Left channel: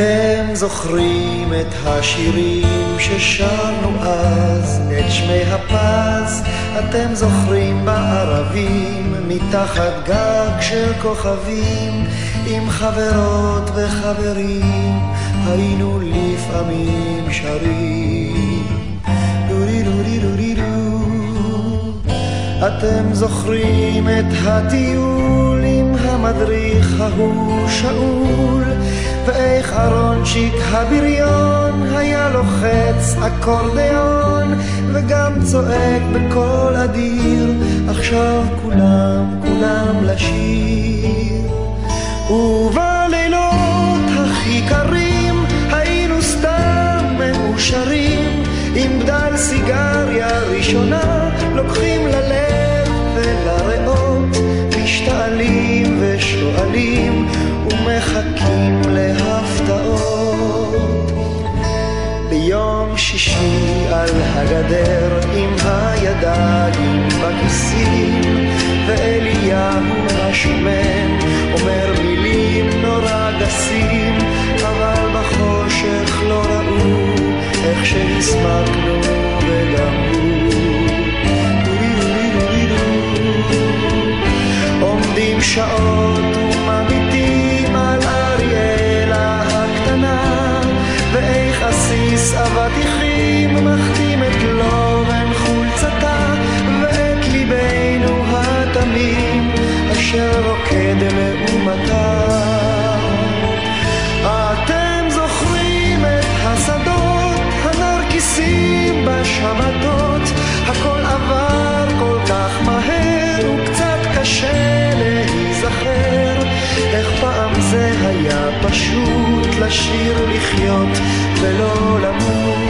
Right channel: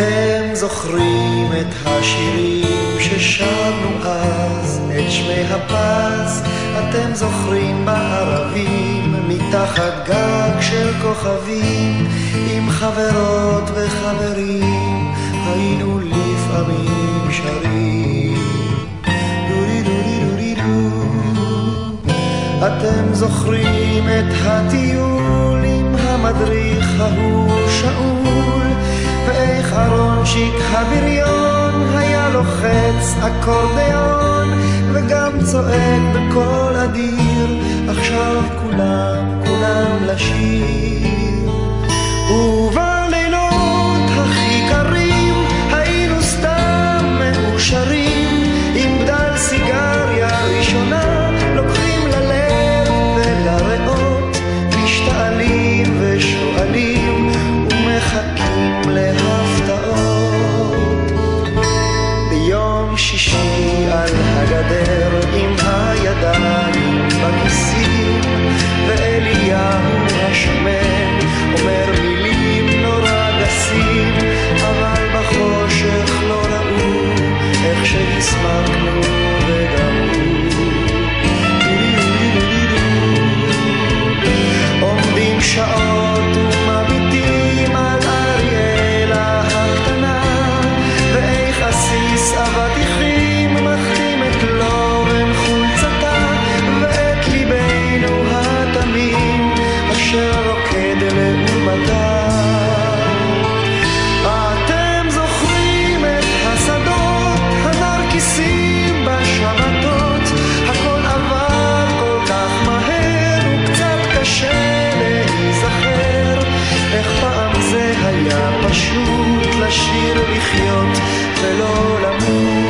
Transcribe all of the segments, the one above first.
אתם זוכרים את השירים ששרנו אז, את שמי הפז, אתם זוכרים בערבים, מתחת גג של כוכבים, עם חברות וחברים, היינו לפעמים שרים. דורי דורי דורי דו. אתם זוכרים את הטיול עם המדריך ההוא שאול, ואיך ארונצ'יק הבריון היה לוחץ אקורדיון וגם צועק בקול אדיר, עכשיו כולם לשיר. ובלילות הכי קרים היינו סתם מאושרים, עם בדל סיגריה ראשונה לוקחים ללב ולריאות, משתעלים ושואלים ומחכים להפתעות. ביום שישי על הגדר עם הידיים בכיסים, ואליהו השמן אומר מילים נורא גסים, אבל בחושך לא ראו איך שהסמקנו וגם הוא. עומדים שעות ומביטים על אריאלה הקטנה, ואיך עסיס אבטיחים מחתים את לובן חולצתה, ואת ליבנו התמים אשר רוקד לעומתה. אתם זוכרים את השדות הנרקיסים בשבתות, הכל עבר כל כך מהר וקצת קשה להיזכר, איך פעם זה היה פשוט לשיר לחיות ולא למות.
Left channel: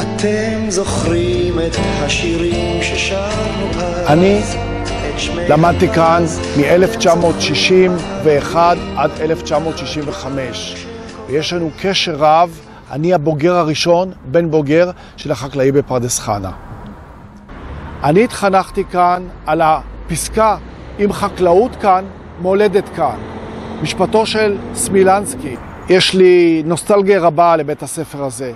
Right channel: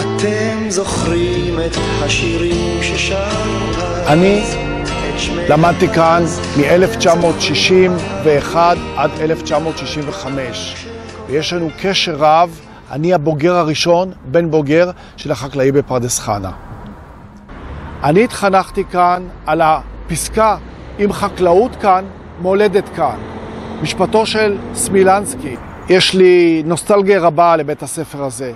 אתם זוכרים את השירים ששרנו אז? אני למדתי כאן מ-1961 עד 1965, ויש לנו קשר רב. אני הבוגר הראשון, בן בוגר של החקלאי בפרדס חנה. אני התחנכתי כאן על הפסקה, עם חקלאות כאן, מולדת כאן. משפטו של סמילנסקי. יש לי נוסטלגיה רבה לבית הספר הזה.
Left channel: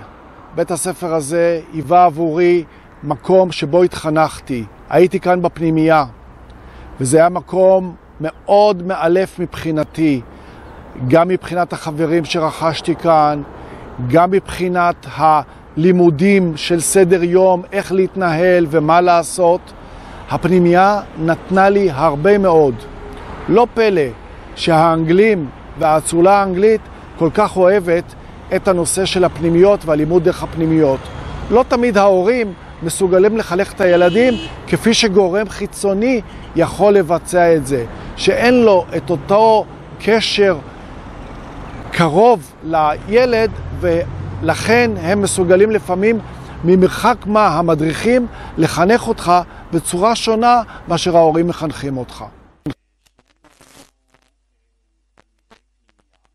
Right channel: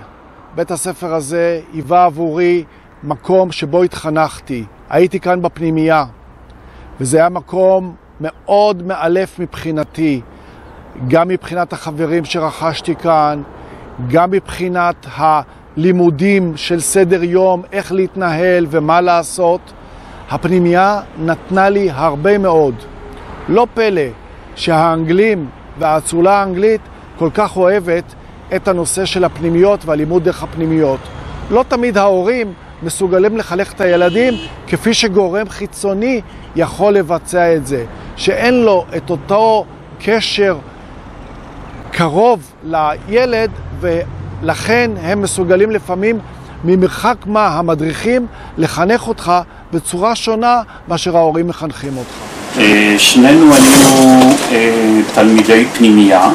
בית הספר הזה היווה עבורי מקום שבו התחנכתי. הייתי כאן בפנימייה, וזה היה מקום מאוד מאלף מבחינתי, גם מבחינת החברים שרכשתי כאן, גם מבחינת הלימודים של סדר יום, איך להתנהל ומה לעשות. הפנימייה נתנה לי הרבה מאוד. לא פלא שהאנגלים והאצולה האנגלית כל כך אוהבת את הנושא של הפנימיות והלימוד דרך הפנימיות. לא תמיד ההורים מסוגלים לחנך את הילדים כפי שגורם חיצוני יכול לבצע את זה, שאין לו את אותו קשר קרוב לילד, ולכן הם מסוגלים לפעמים ממרחק מה המדריכים לחנך אותך בצורה שונה מאשר ההורים מחנכים אותך. שנינו היינו תלמידי פנימייה,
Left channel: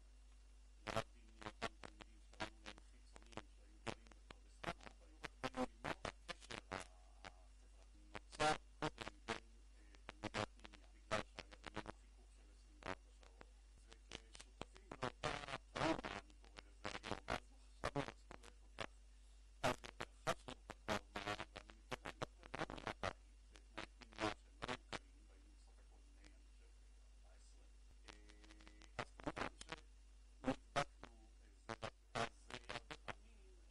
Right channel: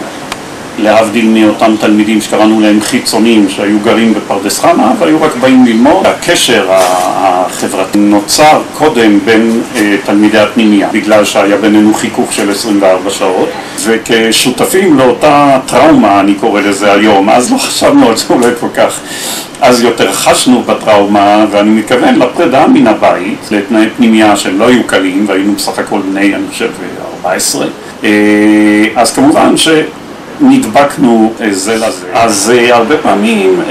להבדיל מאותם תלמידים שקראנו להם חיצוניים שהיו גרים בפרדס חנה והיו רק באים ללמוד. הקשר החברתי נוצר קודם בין תלמידי הפנימייה, בגלל שהיה בינינו חיכוך של 24 שעות, וכשותפים לאותה טראומה, אני קורא לזה היום, אז לא חשבנו על זה אולי כל כך, אז יותר חשנו בטראומה, ואני מתכוון לפרידה מן הבית, לתנאי פנימייה שהם לא היו קלים, והיינו בסך הכל בני, אני חושב, 14. אז כמובן נדבקנו זה לזה. אז הרבה פעמים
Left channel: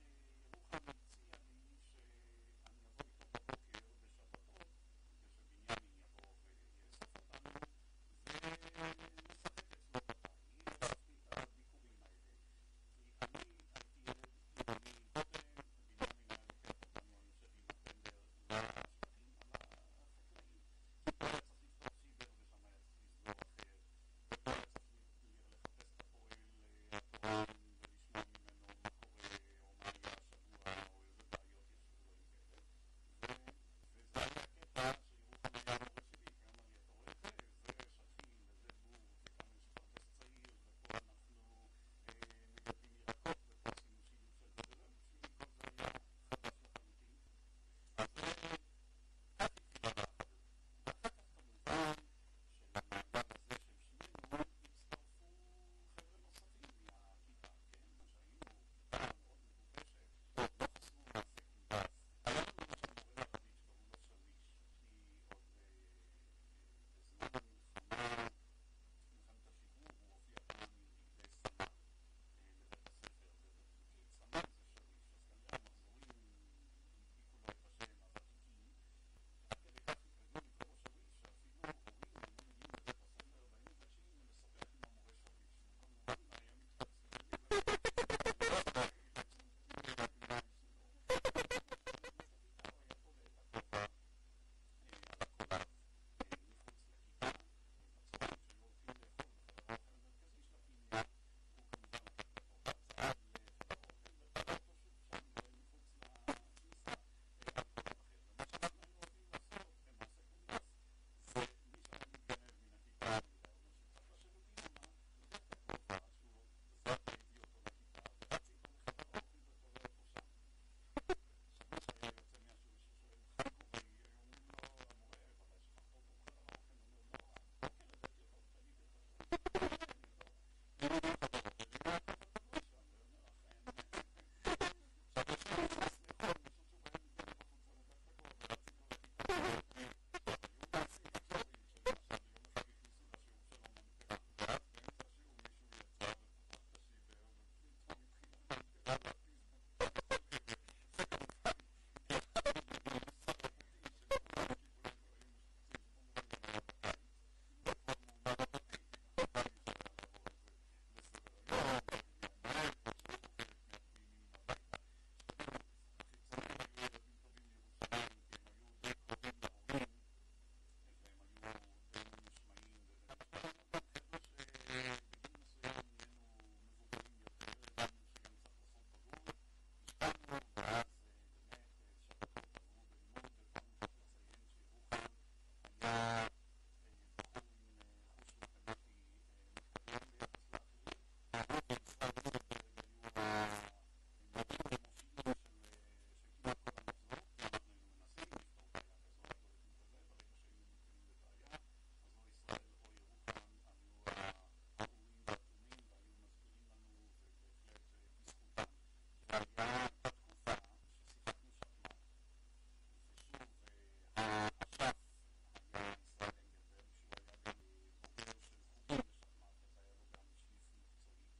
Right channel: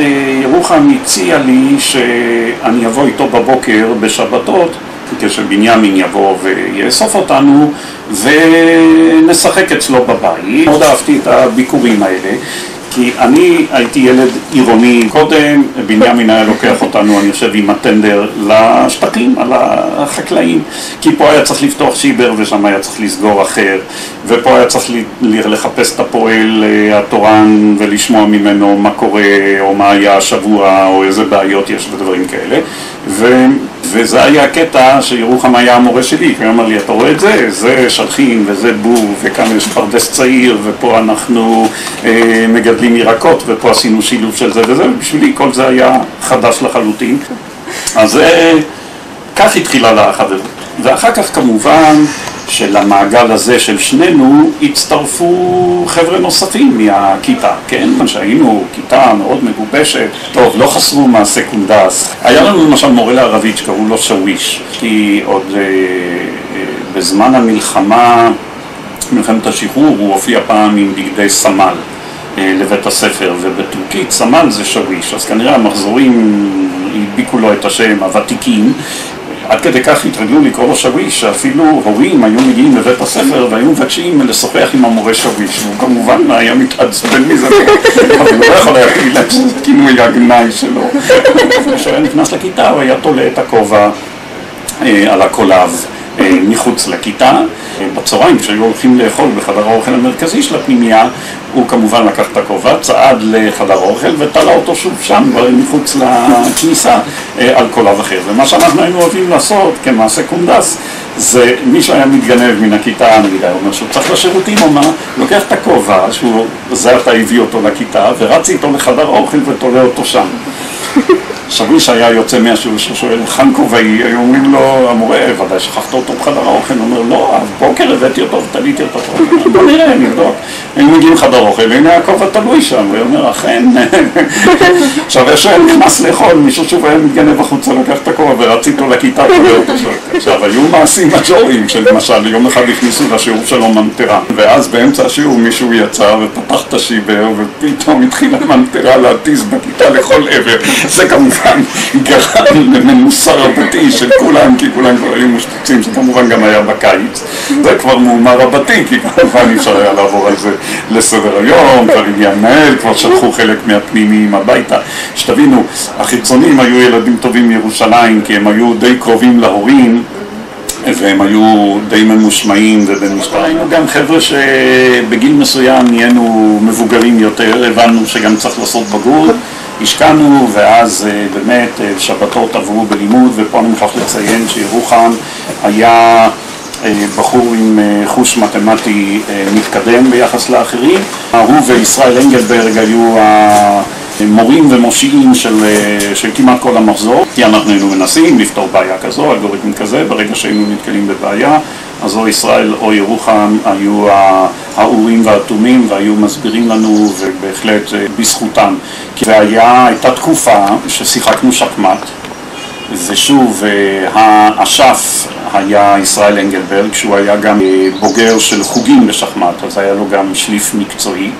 ירוחם הציע לי שאני אבוא איתו בבוקר בשבתות, כשבנימין יבוא ויאסוף אותנו ונשחק אצלו בבית. מאוד אהבתי את הביקורים האלה, כי אני הייתי ילד עירוני קודם, בנימין היה לוקח אותנו, אני חושב, עם הטנדר לשטחים, על החקלאים, כי פה היה צריך לפתוח שיבר ושם היה צריך לסגור אחר, ופה היה צריך לחפש את הפועל התורן ולשמוע ממנו מה קורה, או מה היה השבוע, או איזה בעיות יש ודברים כאלה. וזה היה הקטע שירוחם היה המורה שלי, כי הוא אמר לי, אתה רואה את זה? זה שלחים וזה בור, וכאן יש פרדס צעיר, ופה אנחנו מגדלים ירקות, ופה עשינו שילוב של זה וזה, ובשבילי כל זה היה חדש לחלוטין. אז כך התחילה לחברות. ואחר כך כמובן שלמעגל הזה של שנינו הצטרפו חבר'ה נוספים מהכיתה, כן? שהיינו כיתה מאוד מגובשת, טוב, לא חסרו מהסקונדס. היה לנו למשל מורה לערבית שקראו לו שוויש, כי עוד בזמן המלחמה, מלחמת השחרור, הוא הופיע פעם עם בגדי סמל לבית הספר, ובטורקית סמל זה שוויש, אז כנראה המחזורים הדביקו לו את השם, הוותיקים, עד כדי כך התרגלו לקרוא לו שוויש, שאפילו הורים היו מגיעים לבית הספר והיו מבקשים לשוחח עם המורה שוויש, והוא כמובן היה מתעצבן מזה, אבל הוא לא יכול להגיד להם שזה כינוי הגנאי שלו. כשהוא היה נכנס לכיתה הוא היה תולה את הכובע על הקולב מחוץ לכיתה. בצהריים כשהיו הולכים לאכול בחדר האוכל המרכזי של הפנימייה, הוא כמובן לקח את הכובע, צעד לחדר האוכל ותלה אותו שוב שם מחוץ לכניסה על קולב אחר. ומה שאנחנו היינו אוהבים לעשות כמעשה קונדס, זה מי שהיה מתגנב מן הכיתה, נגיד, הוא אומר שהוא צריך לשירותים או מה, לוקח את הכובע, זה אתה הביא אותו לכיתה, ורץ איתו לחדר האוכל ותולה אותו שם. שוויש היה יוצא מהשיעור ששואל, חן כובעי, היו אומרים לו, המורה, ודאי שכחת אותו בחדר האוכל, הוא אומר, לא, בוקר הבאתי אותו ותליתי אותו. בוא נראה, נבדוק. הם מגיעים לחדר האוכל, הנה הכובע תלוי שם, והוא אומר, אכן. עכשיו, יש נכנס לאכול, מישהו שוב היה מתגנב החוצה, לקח את הכובע ורץ איתו לכיתה, תולה אותו שם. עכשיו, היו מעשים מג'וריים, שלמשל, יום אחד הכניסו לשיעור שלו ממטרה, ואז באמצע השיעור מישהו יצא ופתח את השיבר, ופתאום התחילה ממטרה להתיז בכיתה לכל עבר. זה כמובן גרם למנוסה רבתי של כולם, כי כולם כבר היו משפוצים, שכמובן גם היה בקיץ. זה כבר מהומה רבתי, כי כמובן אפשר היה לעבור על זה לסדר היום, כבר הגיע מנהל, כבר שלחו חלק מהפנימיים הביתה. שתבינו, החיצונים היו ילדים טובים מירושלים, כי הם היו די קרובים להורים, והם היו די ממושמעים ובמשפחה. היינו גם חבר'ה שבגיל מסוים נהיינו מבוגרים יותר, הבנו שגם צריך לעשות בגרות. השקענו, ואז באמת שבתות עברו בלימוד, ופה אני מוכרח לציין שירוחם היה בחור עם חוש מתמטי מתקדם ביחס לאחרים. הוא וישראל אנגלברג היו המורים ומושיעים של כמעט כל המחזור, כי אנחנו היינו מנסים לפתור בעיה כזו, אלגוריתם כזה, ברגע שהיינו נתקלים בבעיה, אז או ישראל או ירוחם היו האורים והאטומים והיו מסבירים לנו, ובהחלט בזכותם. והייתה תקופה ששיחקנו שחמט, ושוב האשף היה ישראל אנגלברג, שהוא היה גם בוגר של חוגים בשחמט, אז היה לו גם שליף מקצועי.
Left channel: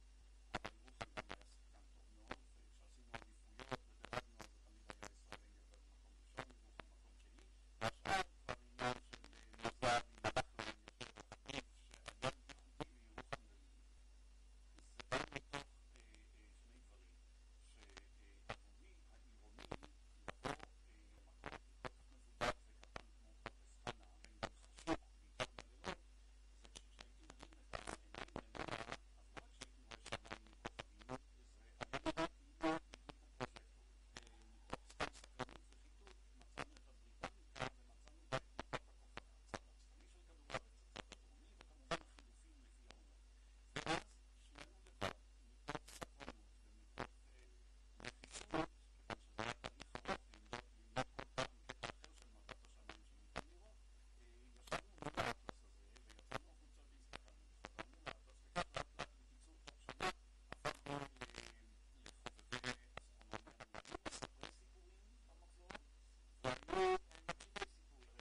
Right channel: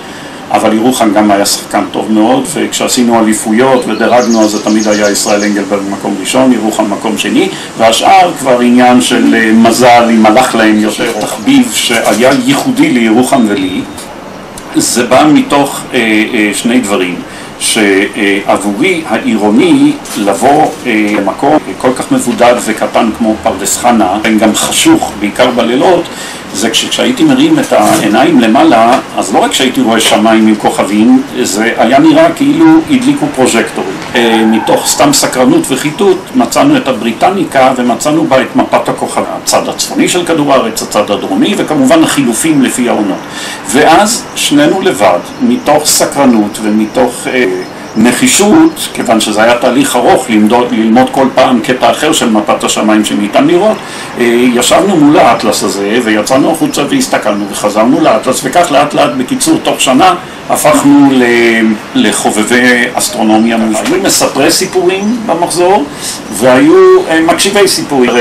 אבל ירוחם גם היה שחקן טוב מאוד, וכשעשינו אליפויות ודרגנו, אז זה תמיד היה ישראל אנגלברג במקום ראשון, ירוחם מקום שני, והשאר כבר עניין של מזל, אם הלך להם יותר. תחביב שהיה ייחודי לירוחם ולי, זה בא מתוך שני דברים, שעבורי העירוני לבוא למקום כל כך מבודד וקטן כמו פרדס חנה, גם חשוך, בעיקר בלילות, זה כשהייתי מרים את העיניים למעלה, אז לא רק שהייתי רואה שמיים עם כוכבים, זה היה נראה כאילו הדליקו פרוז'קטורים. מתוך סתם סקרנות וחיתות מצאנו את הבריטניקה ומצאנו בה את מפת הכוכבים. הצד הצפוני של כדור הארץ, הצד הדרומי, וכמובן החילופים לפי העונות. ואז שנינו לבד, מתוך סקרנות ומתוך נחישות, כיוון שזה היה תהליך ארוך ללמוד כל פעם קטע אחר של מפת השמיים שניתן לראות, ישבנו מול האטלס הזה ויצאנו החוצה והסתכלנו וחזרנו לאטלס, וכך לאט לאט בקיצור תוך שנה הפכנו לחובבי אסטרונומיה. היו מספרי סיפורים במחזור והיו מקשיבי סיפורים.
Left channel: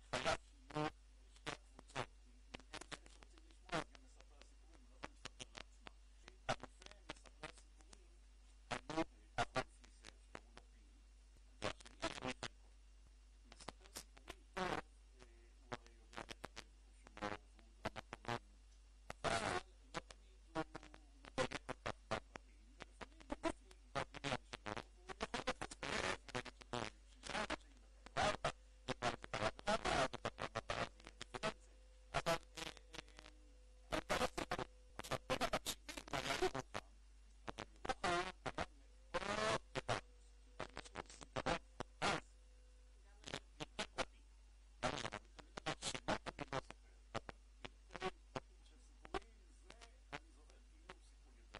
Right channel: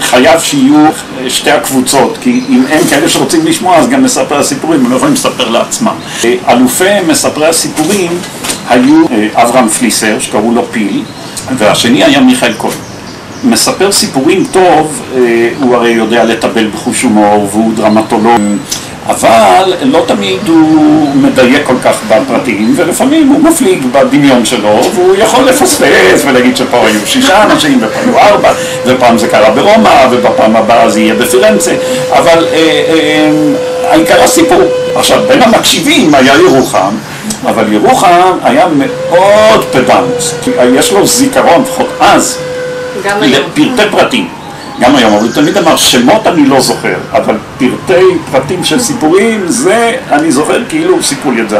חייב שיהיו שתי הקבוצות, כי אם אין כאלה שרוצים לשמוע אז גם מספרי הסיפורים, הם לא יכולים לספר לעצמם. אלופי מספרי הסיפורים היו אברהם פליסר, שקראו לו פיל, והשני היה מיכאל כהן. מספר סיפורים טוב, הוא הרי יודע לטבל בחוש הומור והוא דרמטולוג, אבל לא תמיד הוא מדייק כל כך בפרטים, ולפעמים הוא מפליג בדמיון שלו, והוא יכול לפספס ולהגיד שפה היו 6 אנשים, ופעם היו 4, ופעם זה קרה ברומא, ובפעם הבאה זה יהיה בפירנצה, אבל העיקר הסיפור. עכשיו, בין המקשיבים היה ירוחם, אבל ירוחם היה מאוד פדנט, יש לו זיכרון, לפחות אז, לפרטי פרטים. גם היום, אבל הוא תמיד אמר, שמות אני לא זוכר, אבל פרטי פרטים של סיפורים, זה אני זוכר כאילו סיפור לי את זה.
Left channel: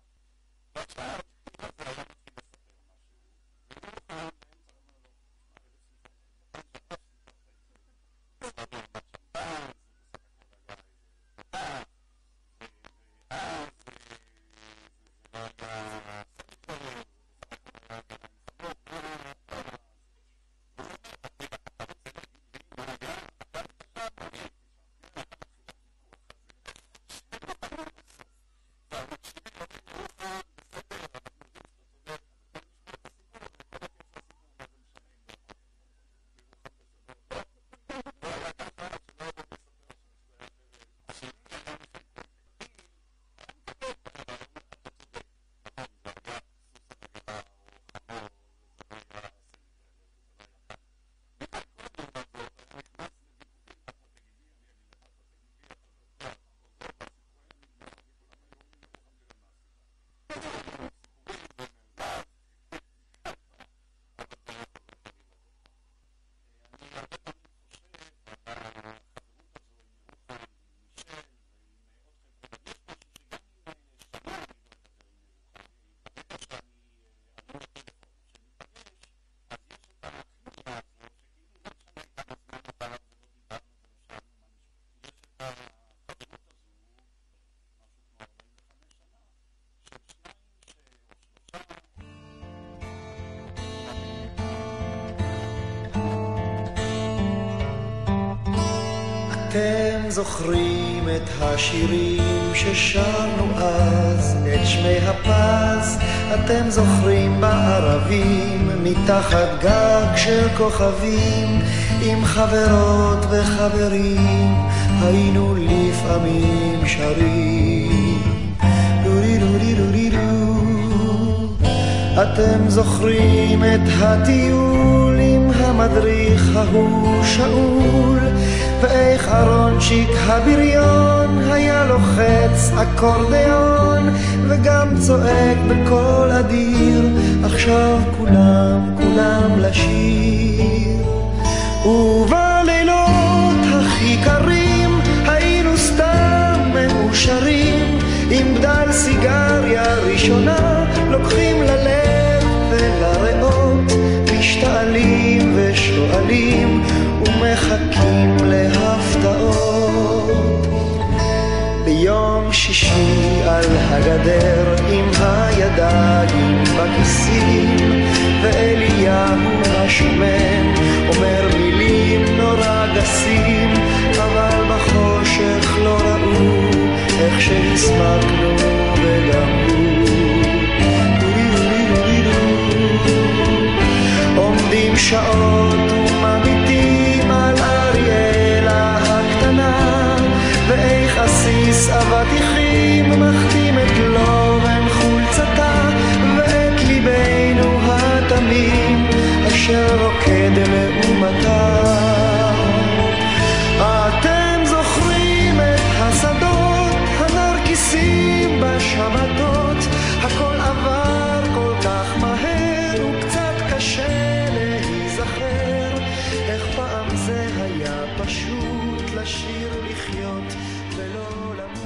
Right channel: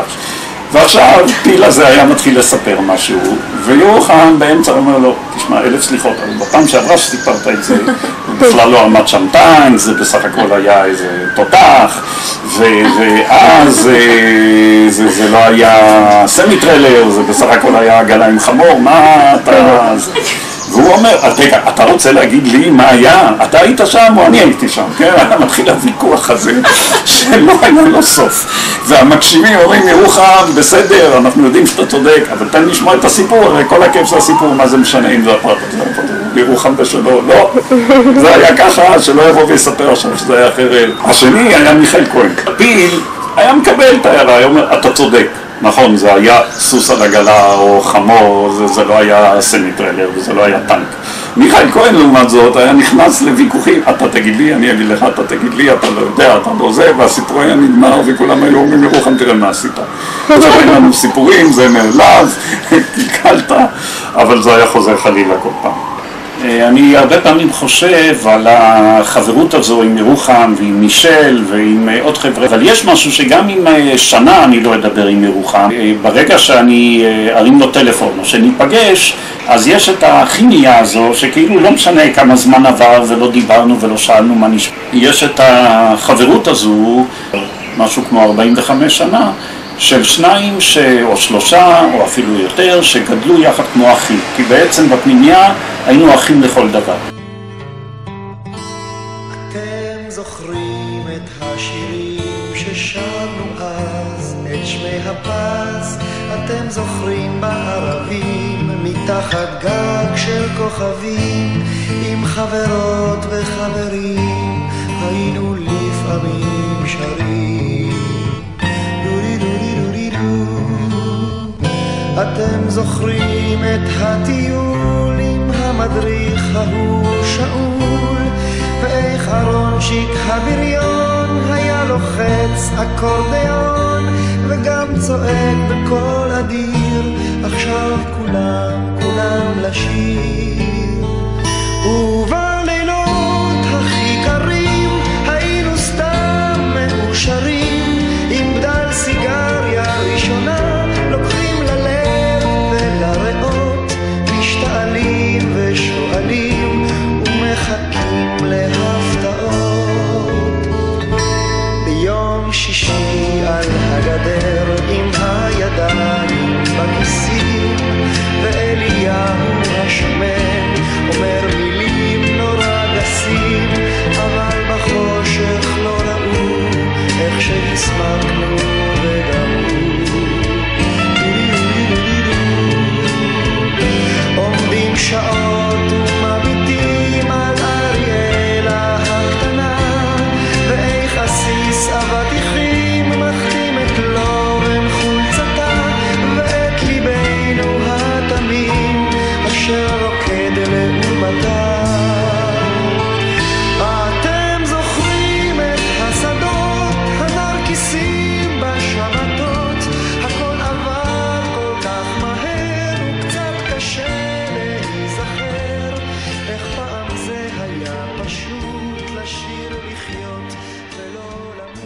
ועכשיו פיל הזה היה מתחיל לספר משהו, וירוחם באמצע אומר לו, תשמע, 1000 סליחות, אבל בפעם שעברה שסיפרת את זה, בכלל לא עמד שם טנק, זה בסך הכל היה איזה תותח, ואז זה לא היה סמי-טריילר, זה בסך הכל היה עגלה עם חמור, מה אתה... והוא אומר, רגע, אתה רוצה להגיד לי מה היה? אתה היית שם או אני הייתי שם? כן, היה מתחיל הוויכוח הזה שלא היה לו סוף. והמקשיבים אומרים, ירוחם, בסדר, אנחנו יודעים שאתה צודק, אבל תן לשמוע את הסיפור, הרי כל הכיף של הסיפור, מה זה משנה אם זה הפרט הזה, ירוחם בשלו, לא, זה היה ככה, שלא יבוא ויספר עכשיו שזה היה אחרת. השני היה מיכאל כהן. פיל היה מקבל את ההערה, היה אומר, אתה צודק. נכון, זה היה סוס על עגלה או חמור, זה לא היה סמי-טריילר וזה לא היה טנק. מיכאל כהן לעומת זאת היה נכנס לוויכוחים, אתה תגיד לי, אני אגיד לך, אתה תגיד לי, אתה לא יודע, אתה לא זה, והסיפור היה נגמר וכולם היו אומרים ירוחם, תראה מה עשית. אז אין לנו סיפורים, זה נעלב, קלקלת, אבל זה היה חוזר חלילה כל פעם. אני הרבה פעמים חושב על החברות הזו עם ירוחם ועם מישל ועם עוד חבר'ה, אבל יש משהו שגם עם שנה אני לא אדבר עם ירוחם. ברגע שאני ארים לו טלפון או שניפגש, אז יש את הכימיה הזו שכאילו לא משנה כמה זמן עבר ולא דיברנו ולא שאלנו מה נשמע. יש את החברות הזו, משהו כמו 45 שנה, של שניים או שלושה או אפילו יותר שגדלו יחד כמו אחים, כי בעצם בפנימיה היינו אחים לכל דבר. אתם זוכרים את השירים ששרנו אז, את שמי הפז, אתם זוכרים בערבים, מתחת גג של כוכבים, עם חברות וחברים, היינו לפעמים שרים. דורי דורי דורי דו. אתם זוכרים את הטיול עם המדריך ההוא שאול, ואיך ארונצ'יק הבריון היה לוחץ אקורדיון וגם צועק בקול אדיר, עכשיו כולם לשיר. ובלילות הכי קרים היינו סתם מאושרים, עם בדל סיגריה ראשונה לוקחים ללב ולריאות, משתעלים ושואלים ומחכים להפתעות. ביום שישי על הגדר עם הידיים בכיסים, ואליהו השמן אומר מילים נורא גסים, אבל בחושך לא ראו איך שהסמקנו וגם הוא. עומדים שעות ומביטים על אריאלה הקטנה, ואיך עסיס אבטיחים מחתים את לובן חולצתה, ואת ליבנו התמים אשר רוקד לעומתה. אתם זוכרים את השדות הנרקיסים בשבתות, הכל עבר כל כך מהר וקצת קשה להיזכר, איך פעם זה היה פשוט לשיר לחיות ולא למות.